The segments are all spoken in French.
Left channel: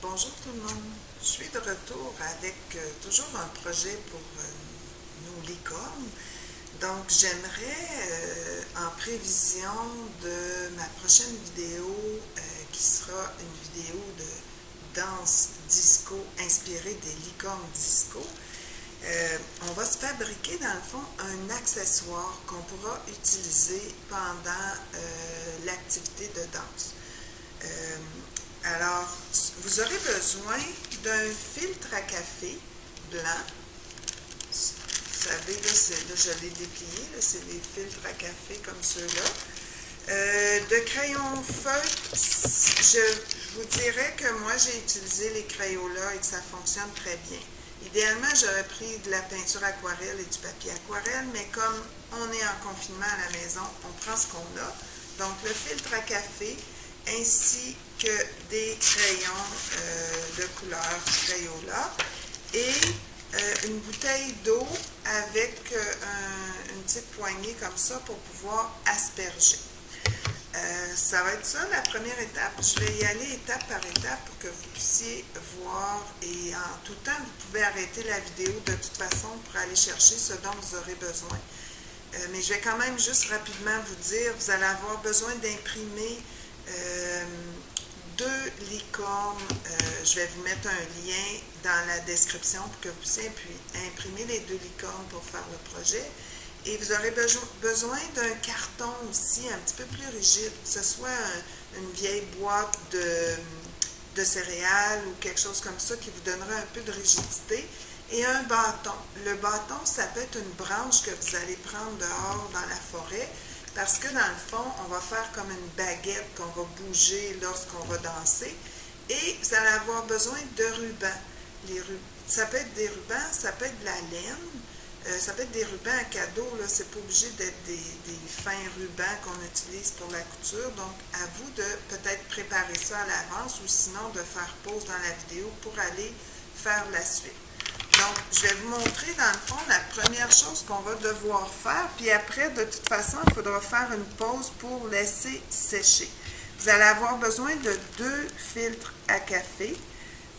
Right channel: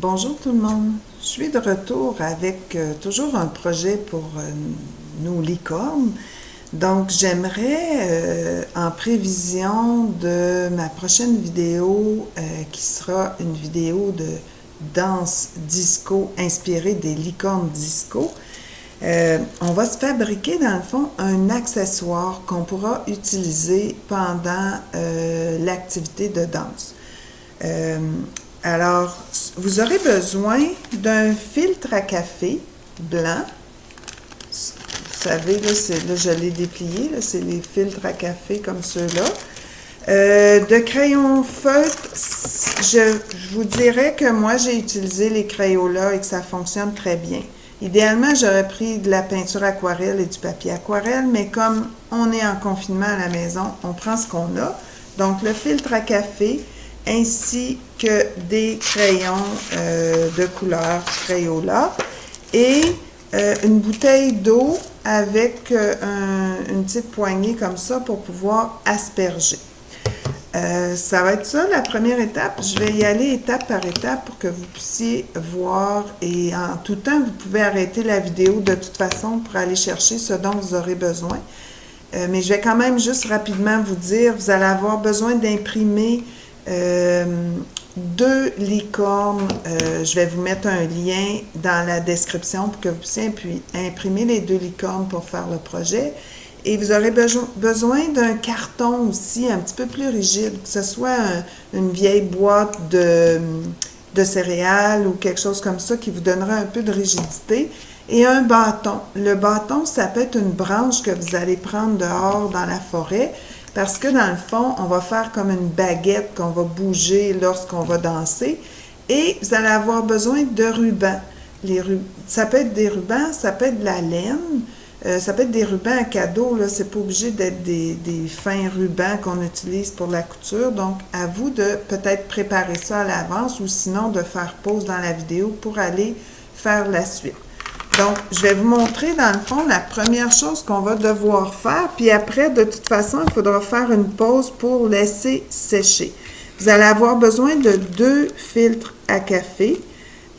Bonjour tout le monde. Je suis de retour avec toujours un projet pour nos licornes. Donc, j'aimerais, en prévision de ma prochaine vidéo, qui sera une vidéo de danse disco inspirée des licornes disco, on va se fabriquer dans le fond un accessoire qu'on pourra utiliser pendant l'activité de danse. Euh, alors, vous aurez besoin d'un filtre à café blanc. Vous savez, là je l'ai déplié, c'est les filtres à café comme ceux-là. De crayons feutres, je vous dirais que moi j'ai utilisé les Crayola et que ça fonctionne très bien. Idéalement, j'aurais pris de la peinture aquarelle et du papier aquarelle, mais comme on est en confinement à la maison, on prend ce qu'on a. Donc, le filtre à café ainsi que des crayons de couleur Crayola et une bouteille d'eau avec une petite poignée comme ça pour pouvoir asperger. Ça va être ça la première étape. Je vais y aller étape par étape pour que vous puissiez voir et en tout temps, vous pouvez arrêter la vidéo de toute façon pour aller chercher ce dont vous aurez besoin. Mais je vais quand même juste rapidement vous dire, vous allez avoir besoin d'imprimer deux licornes. Je vais vous mettre un lien dans la description pour que vous puissiez imprimer les deux licornes pour faire le projet. Et vous aurez besoin d'un carton aussi un petit peu plus rigide, que ce soit une vieille boîte de céréales ou quelque chose comme ça qui vous donnera un peu de rigidité. Et un bâton. Le bâton, ça peut être une branche que vous allez prendre dehors dans la forêt parce que dans le fond, on va faire comme une baguette qu'on va bouger lorsqu'on va danser. Et vous allez avoir besoin de rubans. Ça peut être des rubans, ça peut être de la laine. Ça peut être des rubans à cadeau, là, c'est pas obligé d'être des fins rubans qu'on utilise pour la couture. Donc, à vous de peut-être préparer ça à l'avance ou sinon de faire pause dans la vidéo pour aller faire la suite. Donc, je vais vous montrer dans le fond la première chose qu'on va devoir faire, puis après, de toute façon, il faudra faire une pause pour laisser sécher. Vous allez avoir besoin de deux filtres à café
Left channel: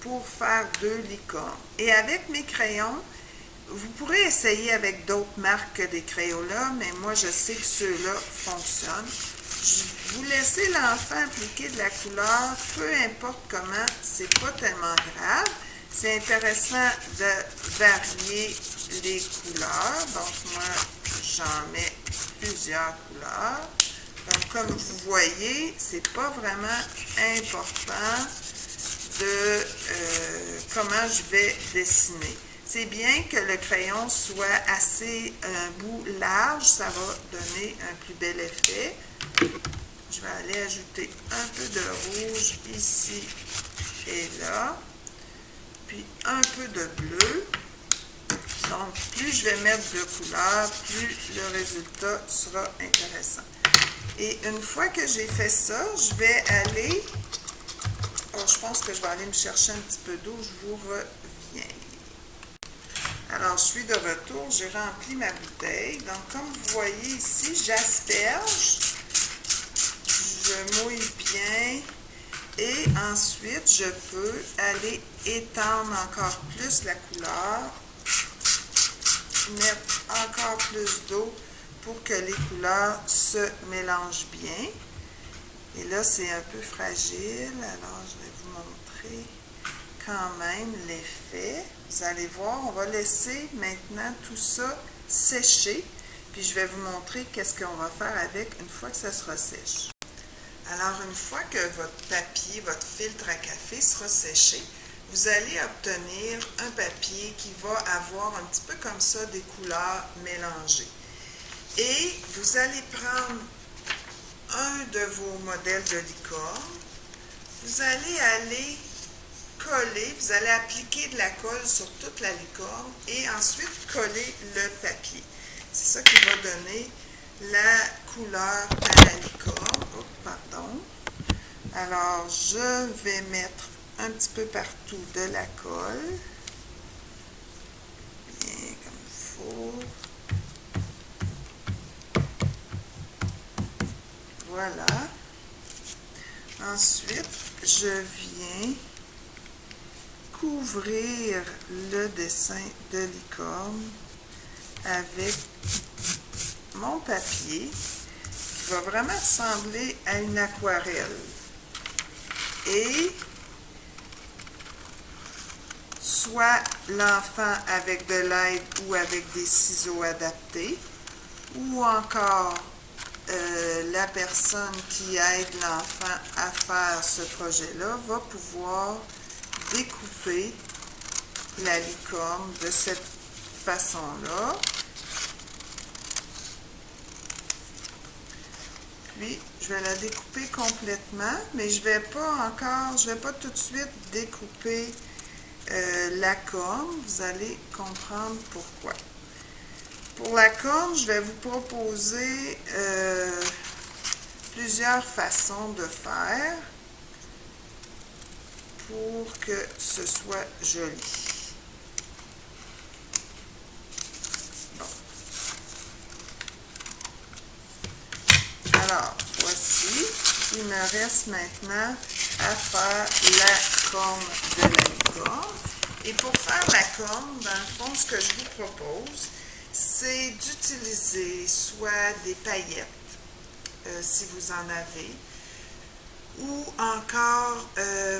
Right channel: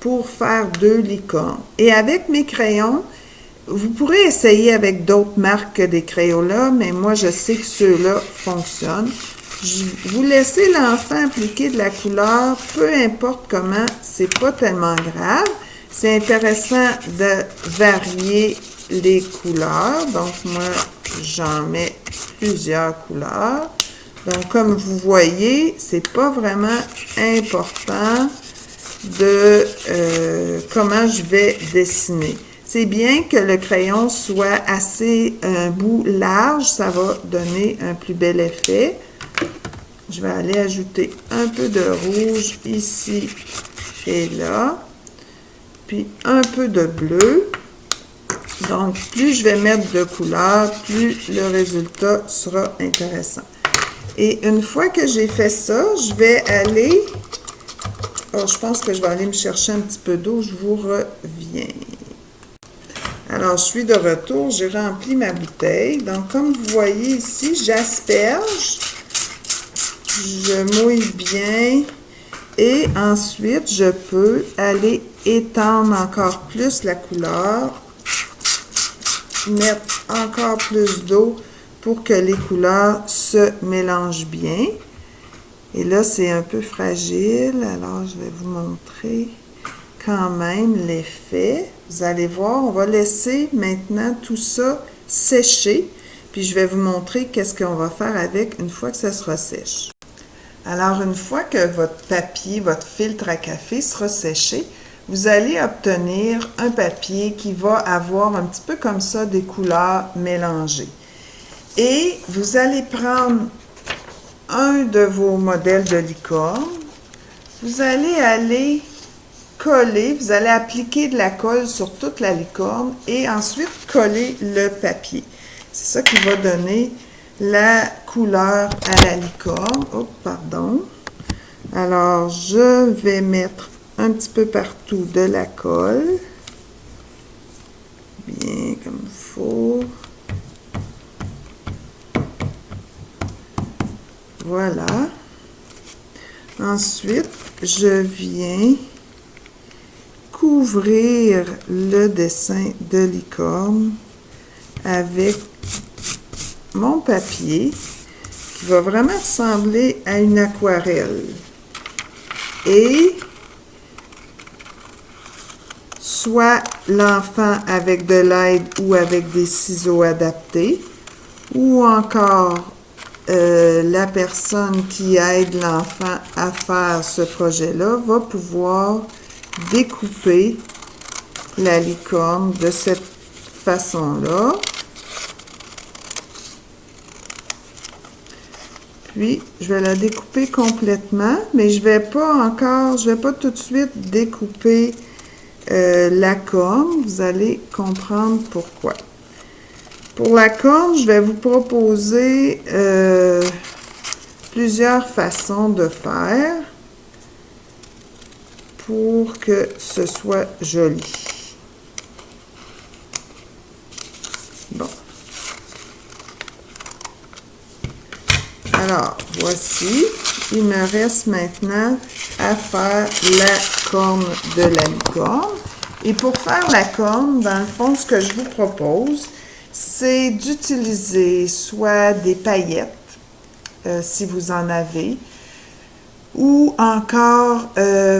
pour faire deux licornes. Et avec mes crayons, vous pourrez essayer avec d'autres marques que des Crayola, mais moi, je sais que ceux-là fonctionnent. Vous laissez l'enfant appliquer de la couleur, peu importe comment, c'est pas tellement grave. C'est intéressant de varier les couleurs. Donc, moi, j'en mets plusieurs couleurs. Donc, comme vous voyez, c'est pas vraiment important de comment je vais dessiner. C'est bien que le crayon soit assez un bout large, ça va donner un plus bel effet. Je vais aller ajouter un peu de rouge ici et là, puis un peu de bleu. Donc, plus je vais mettre de couleurs, plus le résultat sera intéressant. Et une fois que j'ai fait ça, je vais aller... Oh, je pense que je vais aller me chercher un petit peu d'eau, je vous reviens. Alors, je suis de retour, j'ai rempli ma bouteille. Donc, comme vous voyez ici, j'asperge, je mouille bien et ensuite, je peux aller étendre encore plus la couleur, mettre encore plus d'eau pour que les couleurs se mélangent bien. Et là, c'est un peu fragile, alors je vais vous montrer quand même l'effet. Vous allez voir, on va laisser maintenant tout ça sécher, puis je vais vous montrer qu'est-ce qu'on va faire avec une fois que ça sera sèche. Alors, une fois que votre papier, votre filtre à café sera séché, vous allez obtenir un papier qui va avoir un petit peu comme ça des couleurs mélangées. Et vous allez prendre un de vos modèles de licorne, vous allez aller coller, vous allez appliquer de la colle sur toute la licorne et ensuite coller le papier. C'est ça qui va donner la couleur à la licorne. Oh, pardon. Alors, je vais mettre un petit peu partout de la colle. Bien comme il faut. Voilà. Ensuite, je viens couvrir le dessin de licorne avec mon papier qui va vraiment ressembler à une aquarelle. Et soit l'enfant avec de l'aide ou avec des ciseaux adaptés, ou encore la personne qui aide l'enfant à faire ce projet-là va pouvoir découper la licorne de cette façon-là. Puis, je vais la découper complètement, mais je vais pas tout de suite découper la corne. Vous allez comprendre pourquoi. Pour la corne, je vais vous proposer plusieurs façons de faire pour que ce soit joli. Bon. Alors, voici. Il me reste maintenant à faire la corne de la licorne. Et pour faire la corne, dans le fond, ce que je vous propose, c'est d'utiliser soit des paillettes, si vous en avez, ou encore,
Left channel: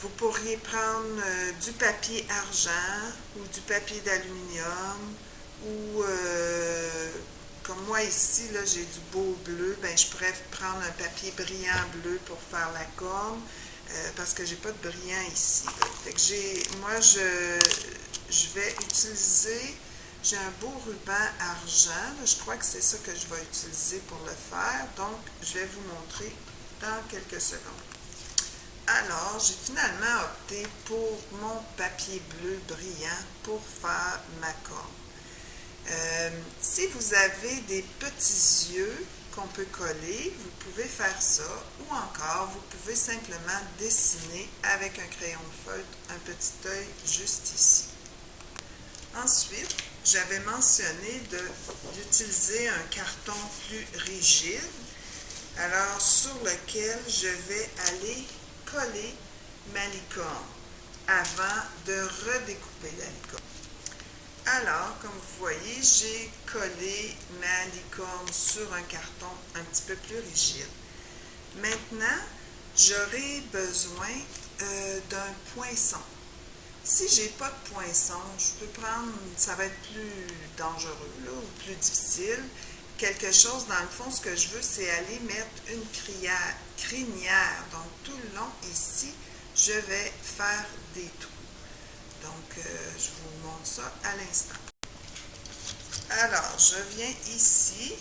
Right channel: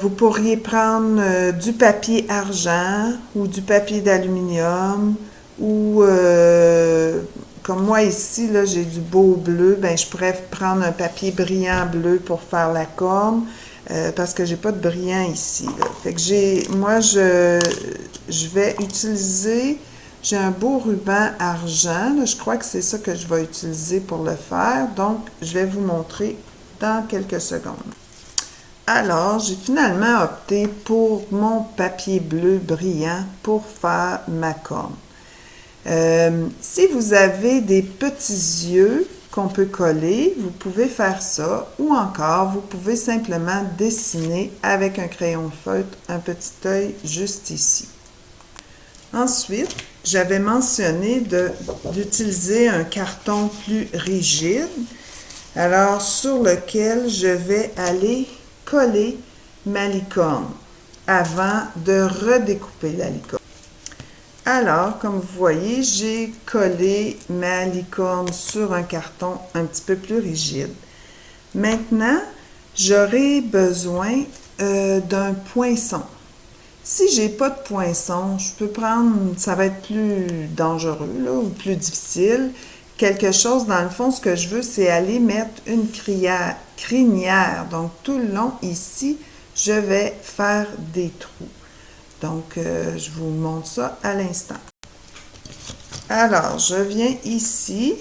vous pourriez prendre du papier argent ou du papier d'aluminium, ou comme moi ici, là, j'ai du beau bleu, ben, je pourrais prendre un papier brillant bleu pour faire la corne, parce que j'ai pas de brillant ici, là. Fait que moi, je vais utiliser, j'ai un beau ruban argent, là, je crois que c'est ça que je vais utiliser pour le faire, donc je vais vous montrer dans quelques secondes. Alors, j'ai finalement opté pour mon papier bleu brillant pour faire ma corne. Si vous avez des petits yeux qu'on peut coller, vous pouvez faire ça, ou encore, vous pouvez simplement dessiner avec un crayon feutre un petit œil juste ici. Ensuite, j'avais mentionné d'utiliser un carton plus rigide, alors sur lequel je vais aller coller ma licorne avant de redécouper la licorne. Alors, comme vous voyez, j'ai collé ma licorne sur un carton un petit peu plus rigide. Maintenant, j'aurai besoin d'un poinçon. Si j'ai pas de poinçon, je peux prendre, ça va être plus dangereux là, ou plus difficile, quelque chose, dans le fond, ce que je veux, c'est aller mettre une crinière. Donc, tout le long, ici, je vais faire des trous. Donc, je vous montre ça à l'instant. Alors, je viens ici.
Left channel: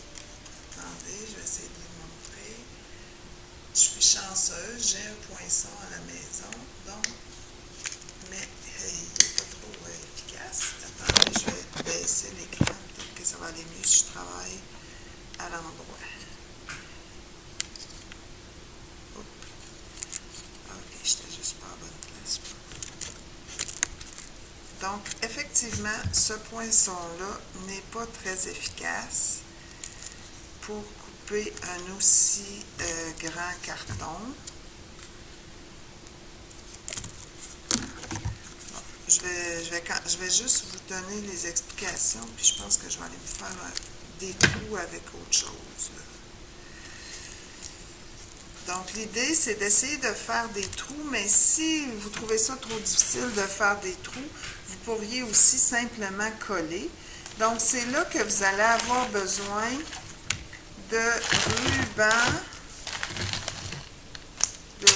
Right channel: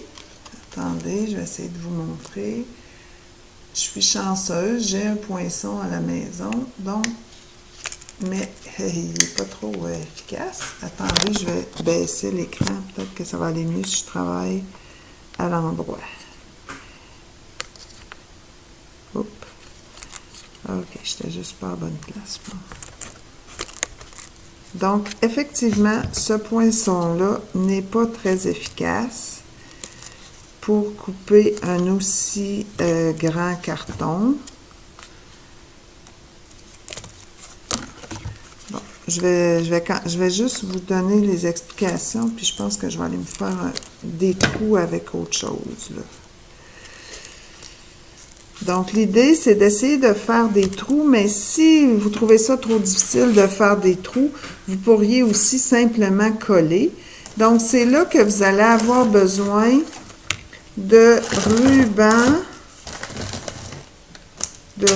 Attendez, je vais essayer de vous montrer. Je suis chanceuse, j'ai un poinçon à la maison, donc, mais il n'est pas trop efficace. Attendez, je vais baisser l'écran. Peut-être que ça va aller mieux si je travaille à l'endroit. Oups. Ok, j'étais juste pas à la bonne place. Donc, effectivement, ce poinçon-là n'est pas très efficace pour couper un aussi grand carton. Bon, je vais juste vous donner les explications, puis je pense que je vais aller me faire des trous avec autre chose, là. Donc, l'idée, c'est d'essayer de faire des trous, mais si vous trouvez ça trop difficile de faire des trous, vous pourriez aussi simplement coller. Donc, c'est là que vous allez avoir besoin de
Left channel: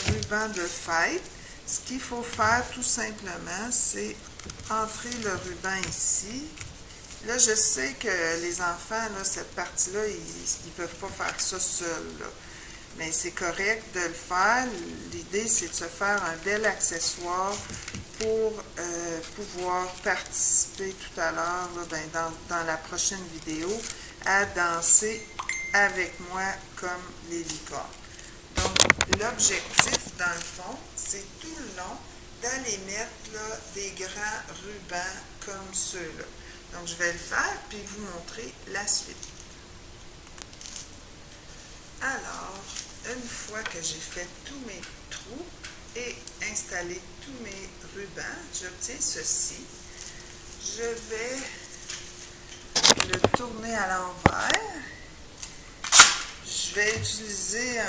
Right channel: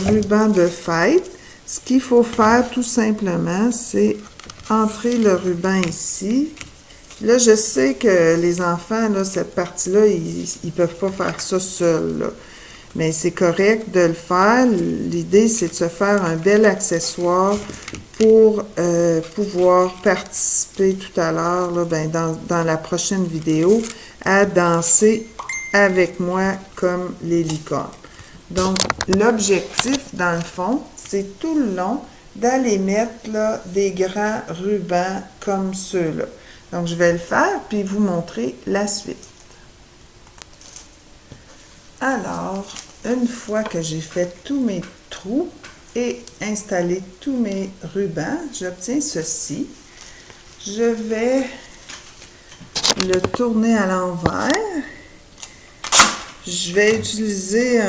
ruban de fête. Ce qu'il faut faire, tout simplement, c'est entrer le ruban ici. Là, je sais que les enfants, là, cette partie-là, ils ne peuvent pas faire ça seuls, là. Mais c'est correct de le faire. L'idée, c'est de se faire un bel accessoire pour pouvoir participer tout à l'heure, dans la prochaine vidéo, à danser avec moi comme les licornes. Donc, l'objectif, dans le fond, c'est tout le long d'aller mettre là, des grands rubans comme ceux-là. Donc, je vais le faire, puis vous montrer la suite. Alors, une fois que j'ai fait tous mes trous, et installer tous mes rubans, j'obtiens ceci. Je vais le tourner à l'envers. Je vais utiliser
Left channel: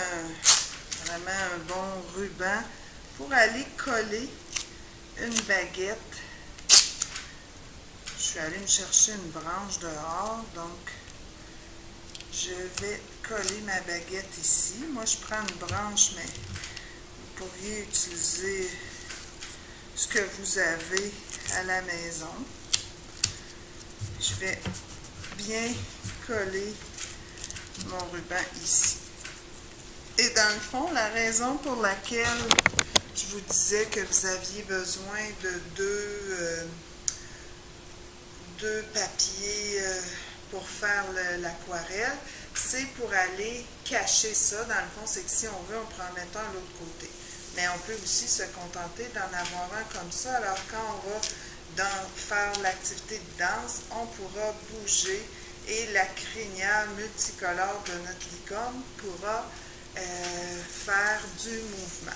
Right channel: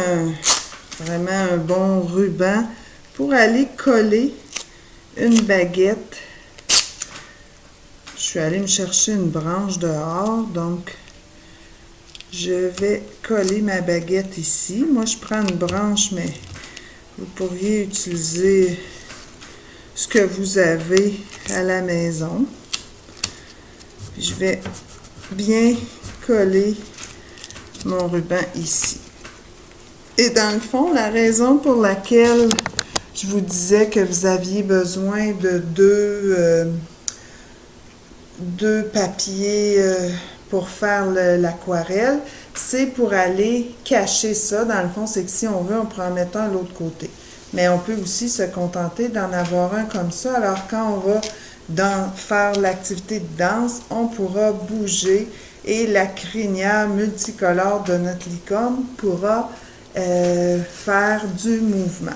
vraiment un bon ruban pour aller coller une baguette. Je suis allée me chercher une branche dehors, donc je vais coller ma baguette ici. Moi, je prends une branche, mais vous pourriez utiliser ce que vous avez à la maison. Je vais bien coller mon ruban ici. Et dans le fond, la raison pour laquelle je vous disais que vous aviez besoin de deux papiers pour faire l'aquarelle, c'est pour aller cacher ça. Dans le fond, c'est que si on veut, on peut en mettre un de l'autre côté. Mais on peut aussi se contenter d'en avoir un comme ça. Alors, quand on va faire l'activité de danse, on pourra bouger et la crinière multicolore de notre licorne pourra faire du mouvement.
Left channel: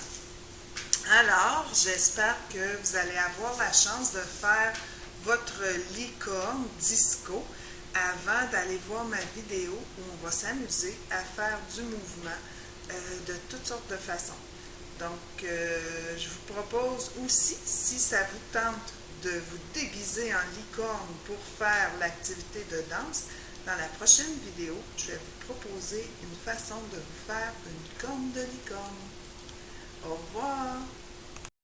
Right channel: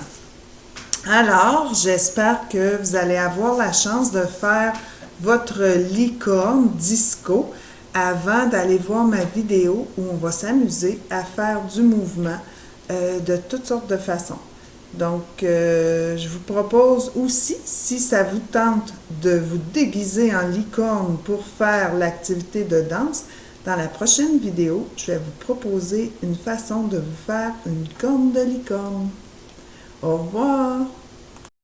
Alors, j'espère que vous allez avoir la chance de faire votre licorne disco avant d'aller voir ma vidéo où on va s'amuser à faire du mouvement de toutes sortes de façons. Donc, je vous propose aussi, si ça vous tente de vous déguiser en licorne pour faire l'activité de danse, dans la prochaine vidéo, je vais vous proposer une façon de vous faire une corne de licorne. Au revoir!